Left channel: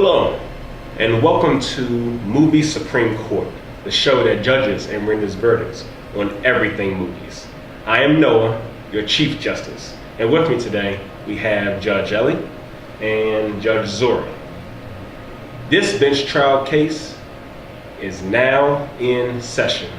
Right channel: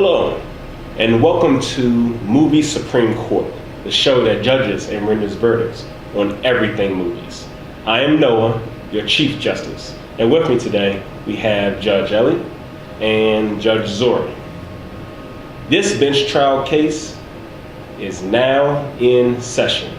Hello, and welcome to Movie Supreme Court, the show that judges and renders verdicts on everything movies. I am Noah, your Chief Justice, and with me today we have Judge Ellie and Judge Zuri. This bench trial case is now in session.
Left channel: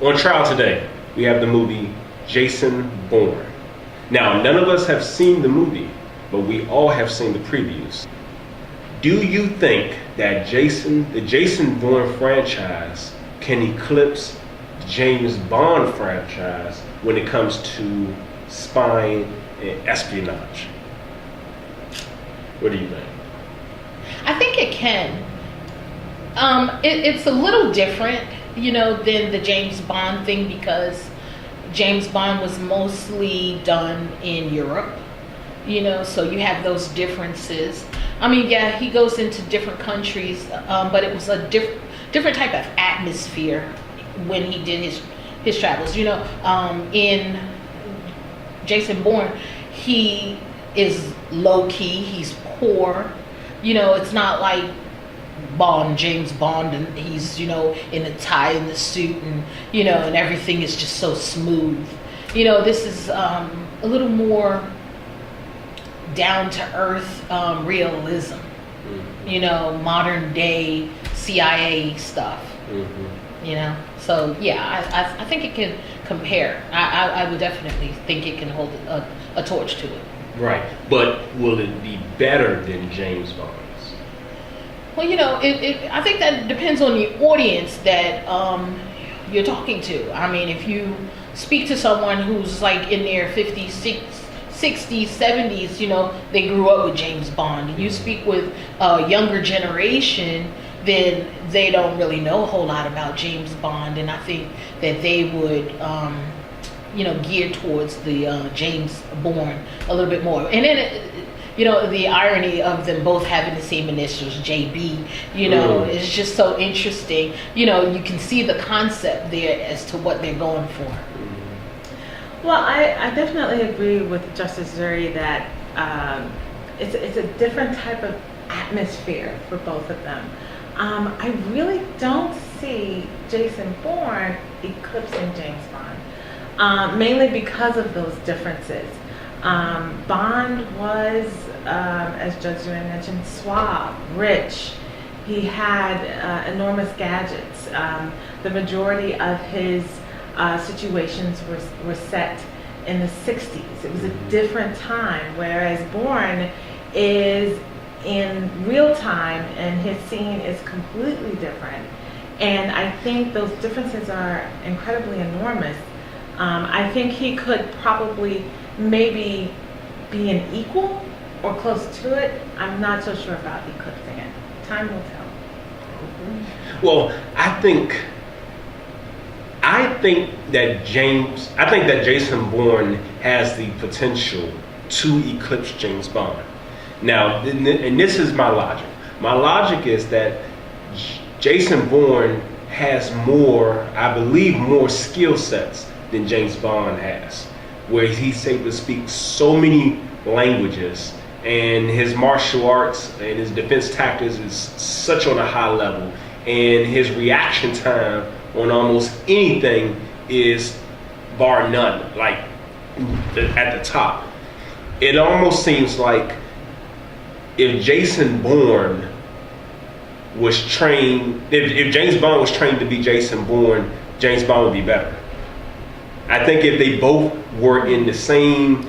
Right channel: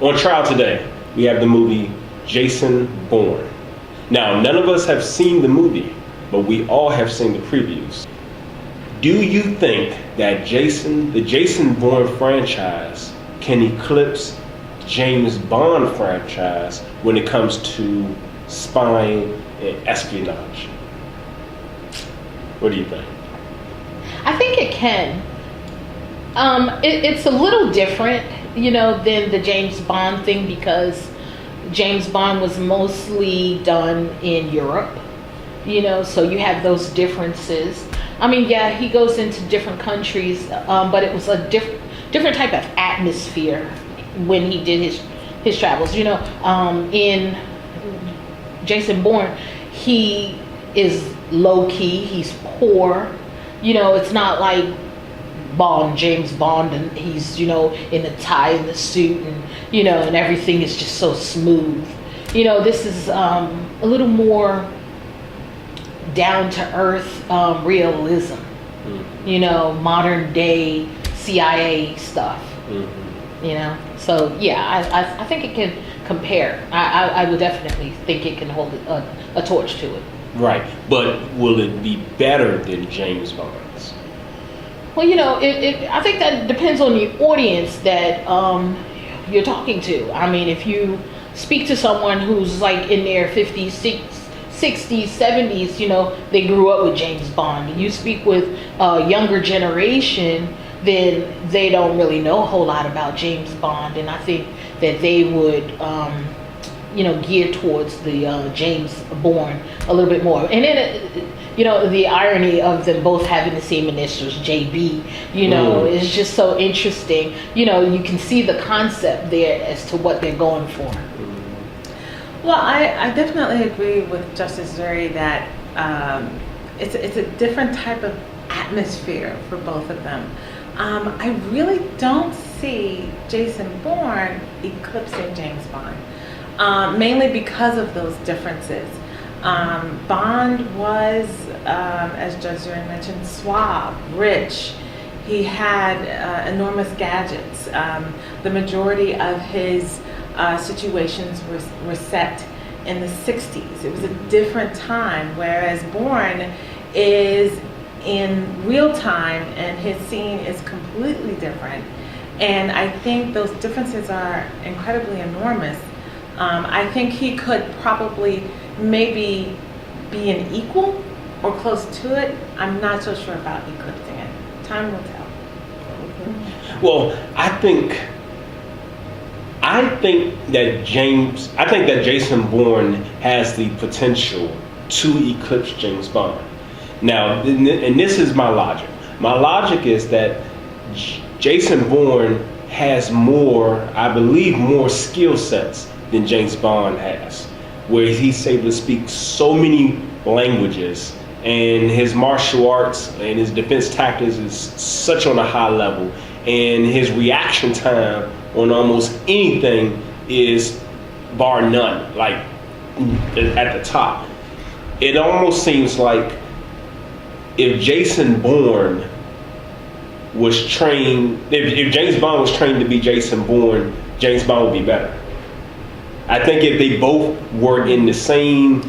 On trial today, we have the movie Jason Bourne. Now, none of us have seen the movie, but we all have seen the previews. Do you think that the Jason Bourne franchise can eclipse the James Bond franchise when it comes to spying and espionage? What do you think? I think it can. It's a little different, than the James Bond thing because James Bond was mostly done in Europe, so you have those differences. I mean, yeah, he goes into different countries, but it was a different type of atmosphere when he did his travels. In Jason Bourne, he is low key, he's poor. It's not like James Bond, and he's in a tie and a suit, and and everything is just so smooth. This is a little more down to earth realism. Mm-hmm. Modern day CIA stuff. Mm-hmm. So yeah, I think it can compare. I would definitely think it can hold a torch to it. Right, but will it be better than James Bond's? Well, I think that depends on the audience that you're talking to. I mean, if you speak to someone who's like in their 50s, 60s, 70s, they grew up with James Bond. You speak with a younger generation, then they don't really know a whole lot about James Bond, and I think that they would gear towards the James Bourne a little bit more. And then, the irony of them both having the same initials, JB, is just so interesting. You can see the concept there as to what they're going for. Well, I definitely agree with Justice Zuri that it's a different type of atmosphere for both of them. I really don't see Jason Bourne eclipsing James Bond. Mainly because of those differences. Bond was, as Judge Zuri mentioned, suave, rich. He had enormous gadgets. The majority of his situations were set in the 60s. It was a different time, whereas Bourne is in real time and his scene is completely different. And I think those differences are incredibly enormous. I think he could probably maybe be an equal or close to it. I'm not so sure about eclipsing it. Time will tell. Well, I think that Jason Bourne has the potential to eclipse James Bond. Now, and this is my logic. My logic is that Jason Bourne has I believe more skill sets than James Bond has, where he's able to speak so many languages, and his martial arts and his defense tactics is such on a high level, and his reaction time on almost anything is bar none, like at the top. It almost seems like if Jason Bourne was trained, if James Bond was trained to be Jason Bourne, James Bond would be better. I think if they both were in the same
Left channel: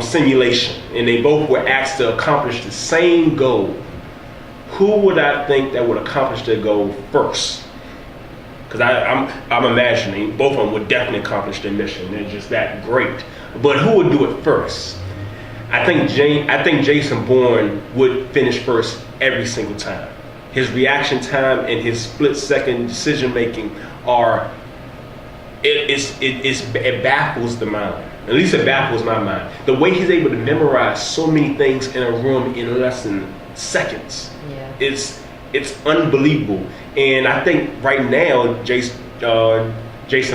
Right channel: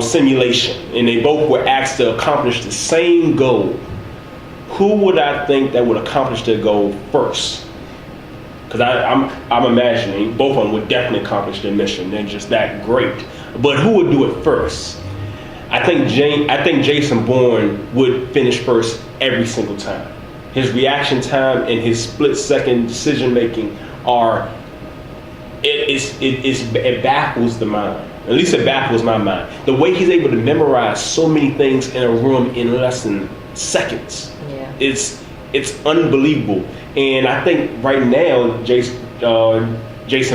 simulation and they both were asked to accomplish the same goal, who would I think that would accomplish their goal first? Because I'm imagining both of them would definitely accomplish their mission. They're just that great. But who would do it first? I think Jason Bourne would finish first every single time. His reaction time and his split-second decision-making it baffles the mind. At least it baffles my mind. The way he's able to memorize so many things in a room in less than seconds. Yeah. It's unbelievable. And I think right now, Jason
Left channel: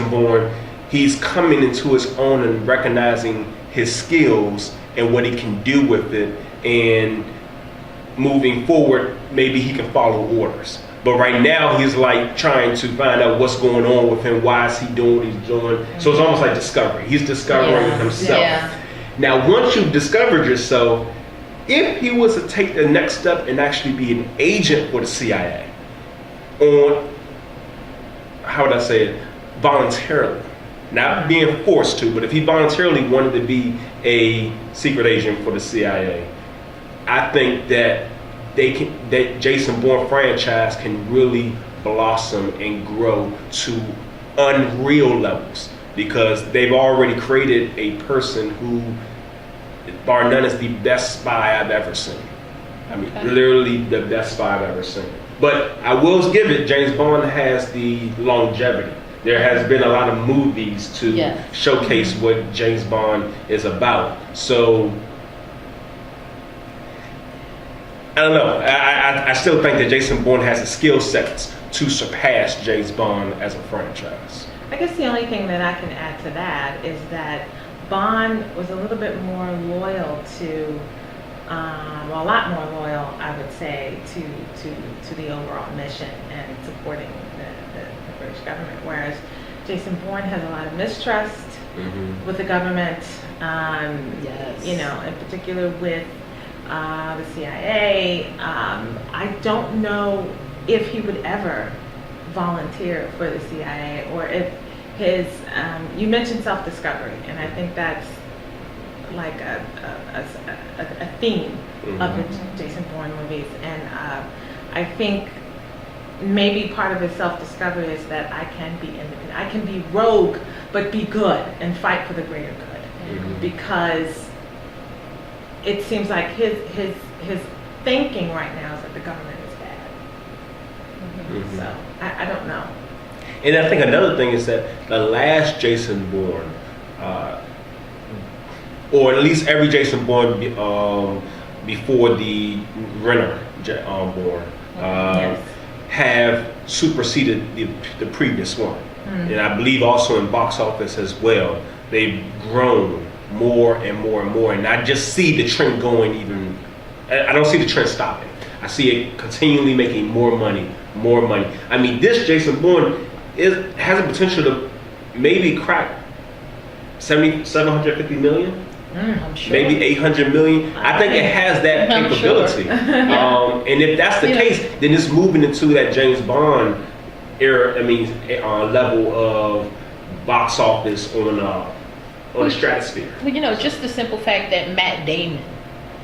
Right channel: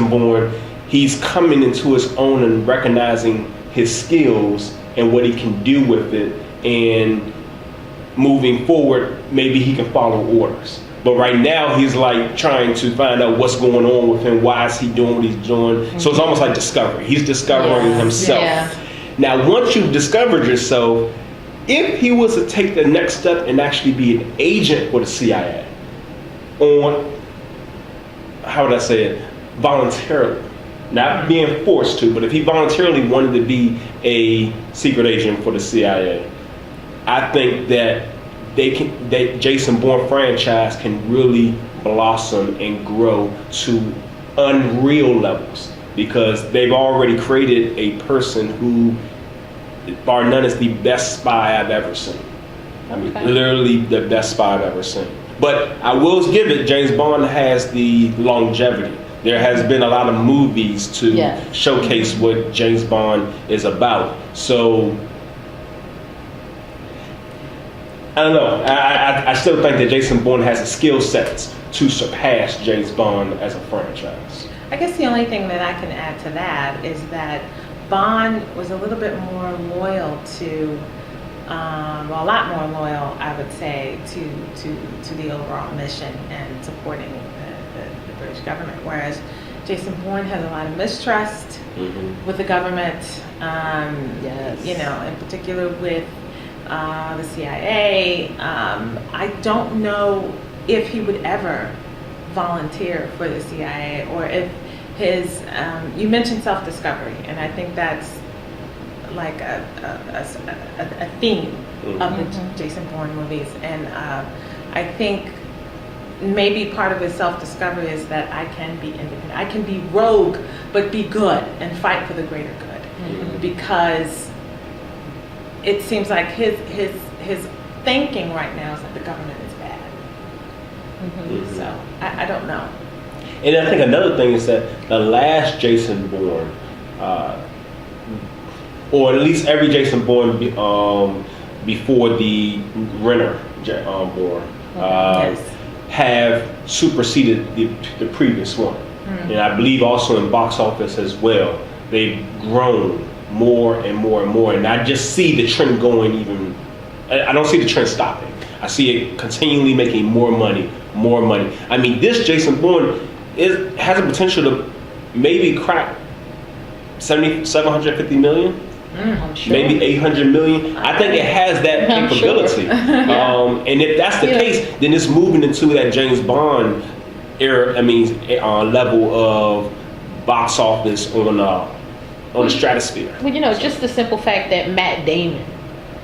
Bourne, he's coming into his own and recognizing his skills and what he can do with it. And moving forward, maybe he can follow orders. But right now, he's like trying to find out what's going on with him. Why is he doing what he's doing? So it's almost like discovery. He's discovering himself. Yeah. Now, once you've discovered yourself, if he was to take the next step and actually be an agent for the CIA, on, how would I say it, voluntarily, not being forced to, but if he voluntarily wanted to be a secret agent for the CIA, I think that that Jason Bourne franchise can really blossom and grow to unreal levels, because they've already created a person who, bar none, is the best spy I've ever seen. I mean, literally the best spy I've ever seen. But I will give it, James Bond has the longevity. There has been a lot of movies to showcase what James Bond is about. So I don't know. I still think that Jason Bourne has the skill sets to surpass James Bond as a franchise. I guess the only thing that I can add to that is that Bond was a little bit more loyal to, well, a lot more loyal, I would say, to the overall mission and supporting the British government, whereas Jason Bourne has a lot of mistrust with the government, you know, in particular with the CIA. I don't know if he would ever volunteer for the CIA, or if his, you mentioned self-discovery, and I think that's like a theme of the Jason Bourne movies, and I think maybe part of his self-discovery is that I can be independent, I can be rogue, but be good and fight for the greater good, because it seems like his thinking right now is that the government is bad. So I don't know. And I think another thing is that the last Jason Bourne, or at least every Jason Bourne before the Renner Bourne, have superseded the previous one. And I believe also in box office as well, they've grown more and more and more. And I just see the trend going even, I don't see the trend stopping. I see it continually making more money, more money. I mean, this Jason Bourne has a potential to maybe crack 750 million, maybe 800 million. I think it has that capability. And if that's the case, then it's moving into that James Bond era. I mean, level of box office on the stratosphere. Well, you know, just the simple fact that Matt Damon,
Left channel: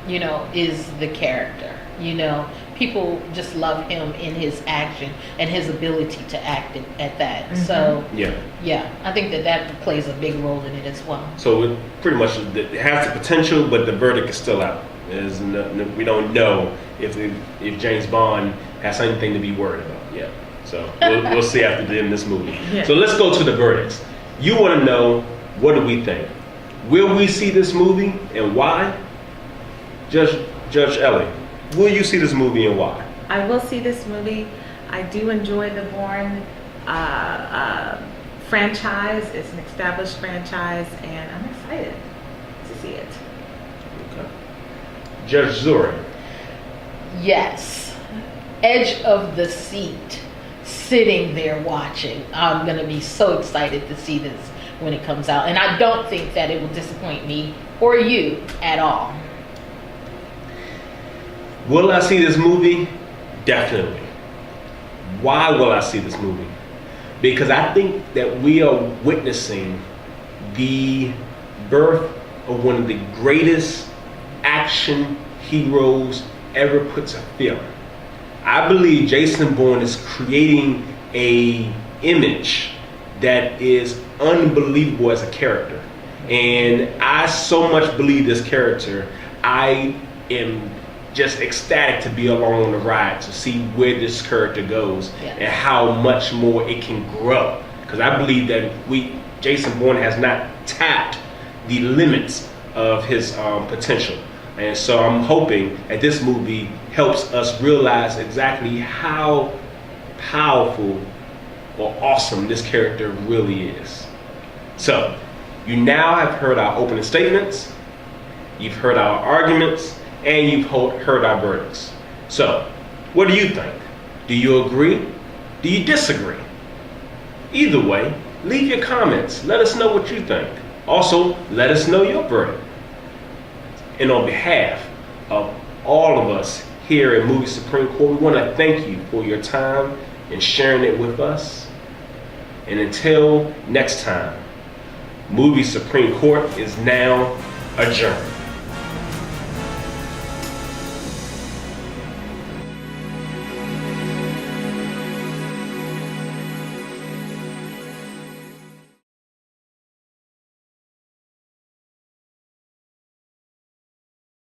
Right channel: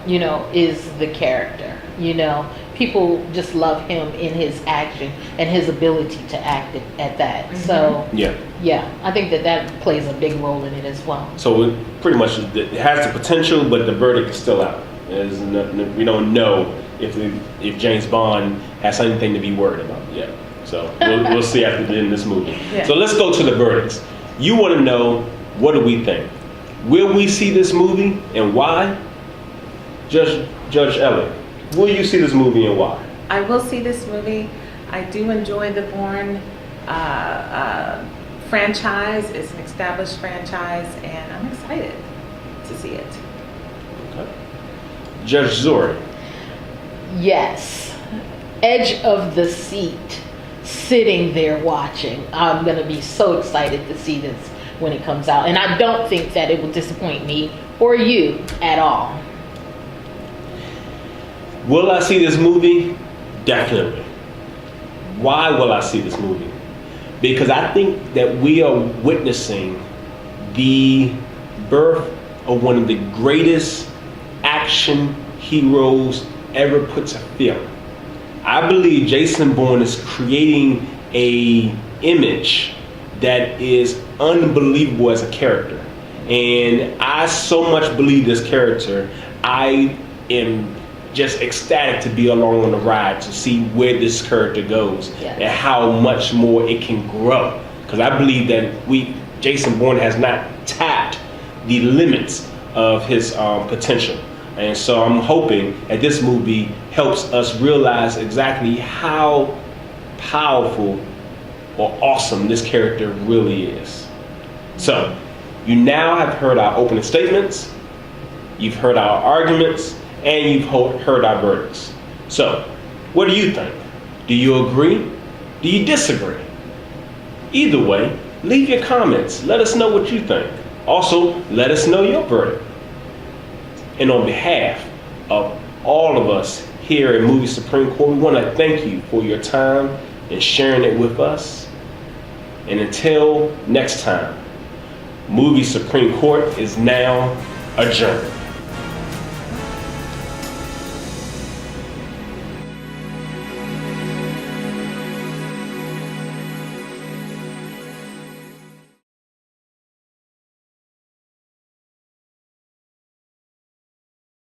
you know, is the character. You know, people just love him in his action and his ability to act at that. So yeah, I think that plays a big role in it as well. So it pretty much it has the potential, but the verdict is still out. We don't know if James Bond has anything to be worried about yet. So we'll see after the end of this movie. So let's go to the verdicts. You want to know, what do we think? Will we see this movie, and why? Judge Ellie, will you see this movie, and why? I will see this movie. I do enjoy the Bourne franchise. It's an established franchise, and I'm excited to see it. Okay. Judge Zuri. Yes. Edge of the seat, sitting there watching. I'm going to be so excited to see this when it comes out. And I don't think that it will disappoint me or you at all. Will I see this movie? Definitely. Why will I see this movie? Because I think that we are witnessing the birth of one of the greatest action heroes ever put to film. I believe Jason Bourne is creating a image that is unbelievable as a character. And I so much believe this character. I am just ecstatic to be along on the ride to see where this character goes and how much more it can grow. Because I believe that Jason Bourne has not tapped the limits of his potential. And so I'm hoping that this movie helps us realize exactly how powerful or awesome this character really is. So you now have heard our opening statements, you've heard our arguments, and you've heard our verdicts. So, what do you think? Do you agree? Do you disagree? Either way, leave your comments. Let us know what you think. Also, let us know your verdict. And on behalf of all of us here at Movie Supreme Court, we want to thank you for your time and sharing it with us. And until next time, Movie Supreme Court is now adjourned.